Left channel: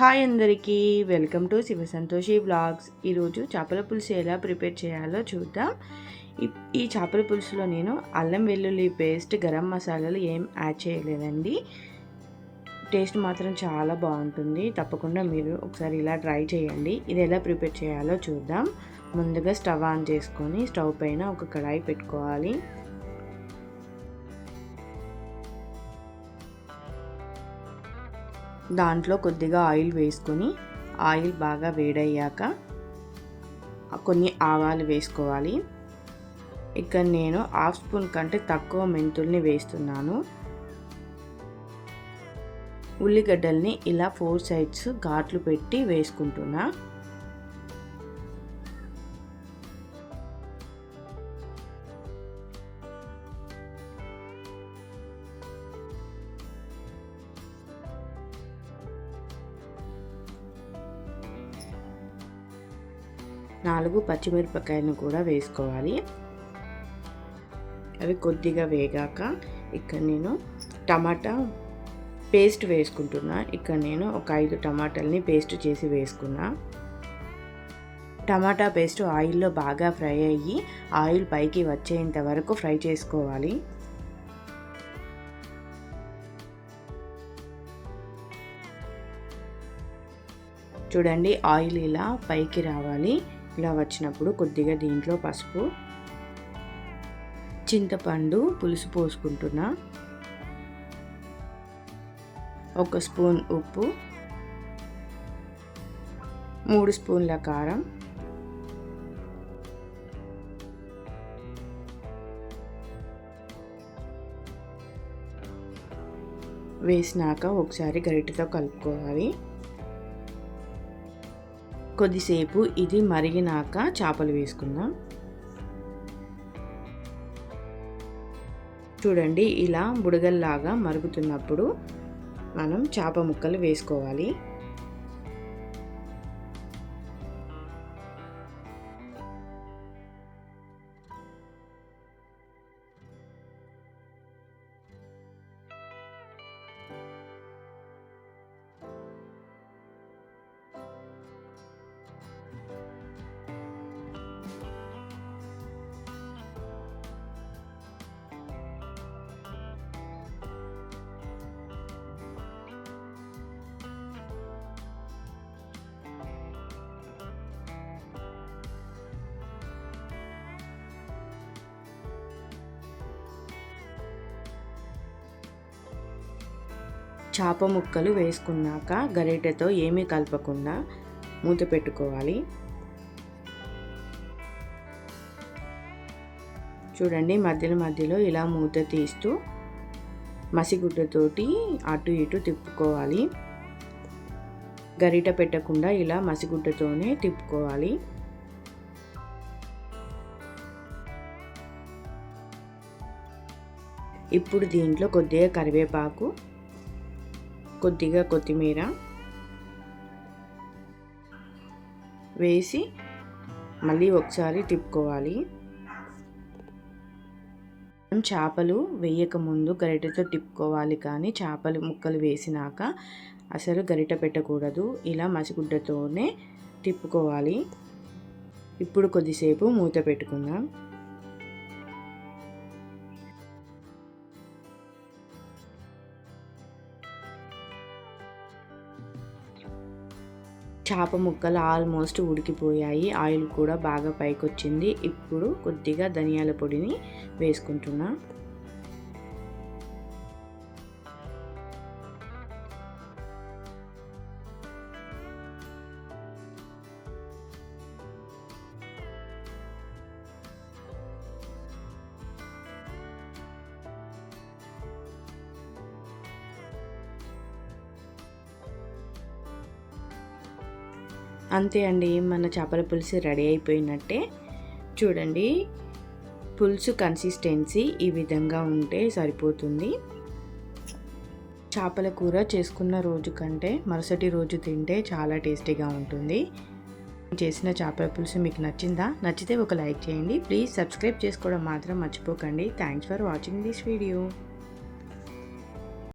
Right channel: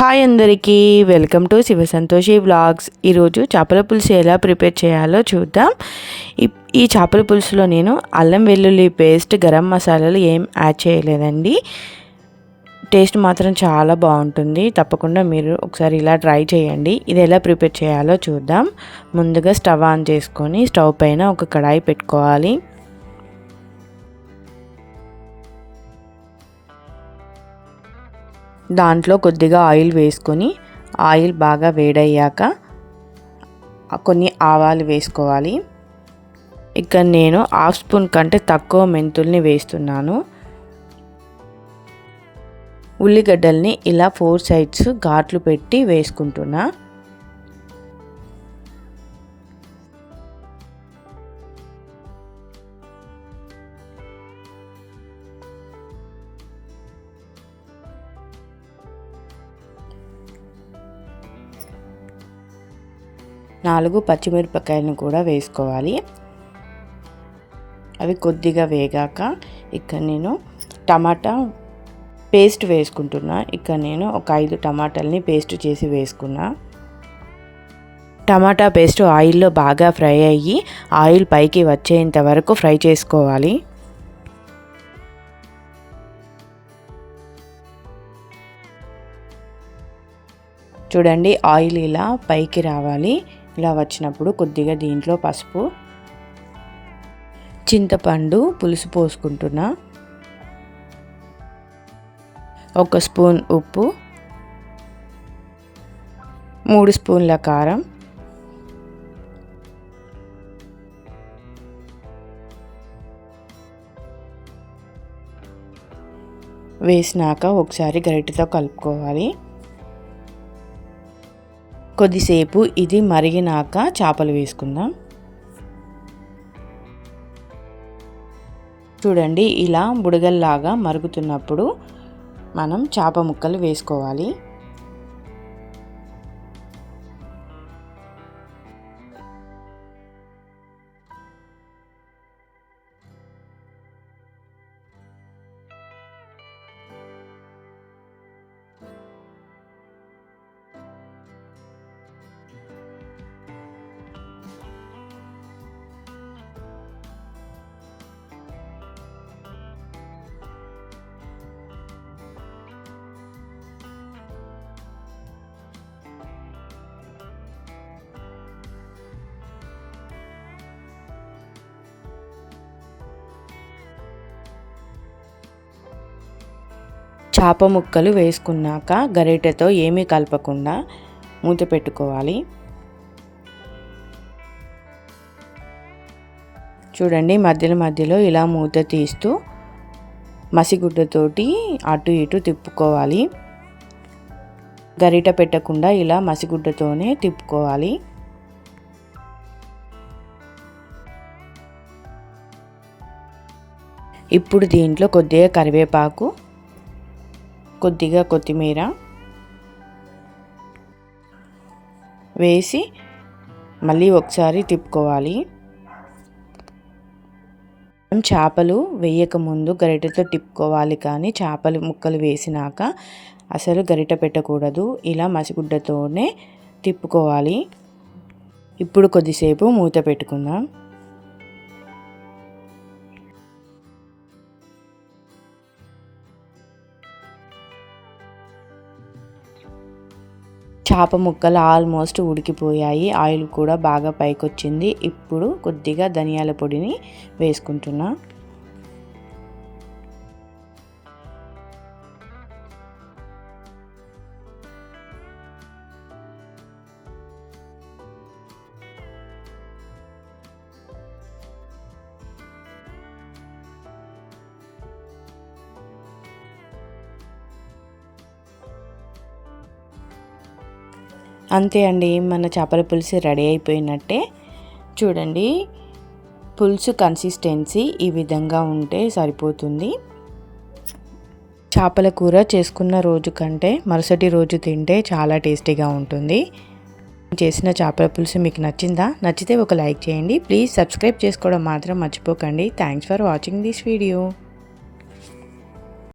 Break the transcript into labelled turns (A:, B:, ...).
A: Hi అందరికీ welcome to Shiva Santoshi blogs ఈరోజు చేపల పులుసు ఎలా ప్రిపేర్ చేయాలో చూద్దాం. ఈ- ఈ చేపల పులుసులో నేను అల్లం వెల్లుల్లి పేస్ట్ గరం మసాలాలు ఏం యాడ్ చేయలేదండి. టేస్ట్ మాత్రం చాలా బాగుంటుంది. తప్పకుండా మీరు ఒకసారి ఇలా ట్రై చేయండి. ఇది ఎలా ప్రిపేర్ చేయాలో చూద్దాం. ముందుగా స్టవ్ ఆన్ చేసుకొని స్టవ్ పైన ఒక కడాయి పెట్టుకోవాలి. దాంట్లో కొద్దిగా ఆయిల్ వేసుకొని ఆయిల్ బాగా వేడయ్యాక కొన్ని ఆవాలు వేసుకోవాలి. ఇక్కడ నేను హాఫ్ స్పూన్ కంటే తక్కువ మెంతుల్ని వేస్తున్నాను. ఉల్లిగడ్డల్ని ఇలా ఫోర్ సైడ్స్ ఘాట్లు పెట్టి వేసుకుంటున్నా. నాలుగు పచ్చిమిరపకాయలను కూడా వేసుకోవాలి. అవి కొద్దిగా వేగాక ఇక్కడ నేను టమాటా పేస్ట్ వేసుకుంటున్నా. ఇక్కడ నేను ఒక ఐదు టమాటాలని పేస్ట్ చేసి వేసుకున్నా. టమాటా పేస్ట్ ఆయిల్లో బాగా ఫ్రై అయ్యి ఆయిల్ పైకి వచ్చేంత వరకు ఫ్రై చేసుకోవాలి. చూడండి ఆయిల్ ఇలా పైకి రావాలి. ఇలా వచ్చినప్పుడు కొద్దిగా దీంట్లో పసుపు చింతపండు పులుసు పోసుకుంటున్నా. ఒక స్పూన్ ఉప్పు మూడు స్పూన్ల కారం వేసినాక ఒకసారి గరిటెతో కలుపుకోవాలి. కొద్దిసేపు ఇది మరిగినాక చేపలు వేసుకుందాం. చూడండి ఇలా బుడగల్లాగా మరుగుతున్నప్పుడు మనం చేప ముక్కలు వేసుకోవాలి. చేప ముక్కలు వేసుకున్నాక గరిటెతో ఏమీ కలపకుండా మూత పెట్టుకోవాలి. చూడండి మధ్యలో మధ్యలో ఇలా మూత తీస్తూ మసిగుడ్డతోటి అటు ఇటు తిప్పుకోవాలి. గరిట పెట్టకుండా ఇలా మసిగుడ్డతోనే తిప్పుకోవాలి. ఇప్పుడు దీంట్లో కొద్దిగా కరివేపాకు కొద్దిగా కొత్తిమీర వేసి మళ్ళీ ఒకసారి తిప్పుకోవాలి. చేపలు వేయకముందు గరిటతో గరిటెతో తిప్పుకోవాలి కానీ చేపలు ముక్కలు వేసినాక అసలు గరిట పెట్టకూడదు. ఇలా మసిగుడ్డతోనే తిప్పుకోవాలి. ఇప్పుడు కొద్దిసేపు మూత పెట్టుకుందాం. చేప ముక్కలు ఆల్మోస్ట్ ఉడికిపోయాయి. ఆయిల్ కూడా బాగా పైకొచ్చింది. ఇప్పుడు కొద్దిగా ధనియాల పొడిని వేసుకుంటున్నా. అంతే అండి మన చేపల పులుసు రెడీ అయిపోయినట్టే. చూడండి పులుసు కన్సిస్టెన్సీ ఈ విధంగా ఉంటే సరిపోతుంది. చేపల కూర చేసుకున్న రోజు కంటే మరుసటి రోజు తింటే చాలా టేస్టీగా ఉంటుంది. చేసిన చేపల పులుసు మీకు నచ్చిందా? నచ్చితే ఒక లైక్ చేయండి. ప్లీజ్ సబ్స్క్రైబ్ చేసుకోవడం మాత్రం మర్చిపోకండి. Thanks for watching this video.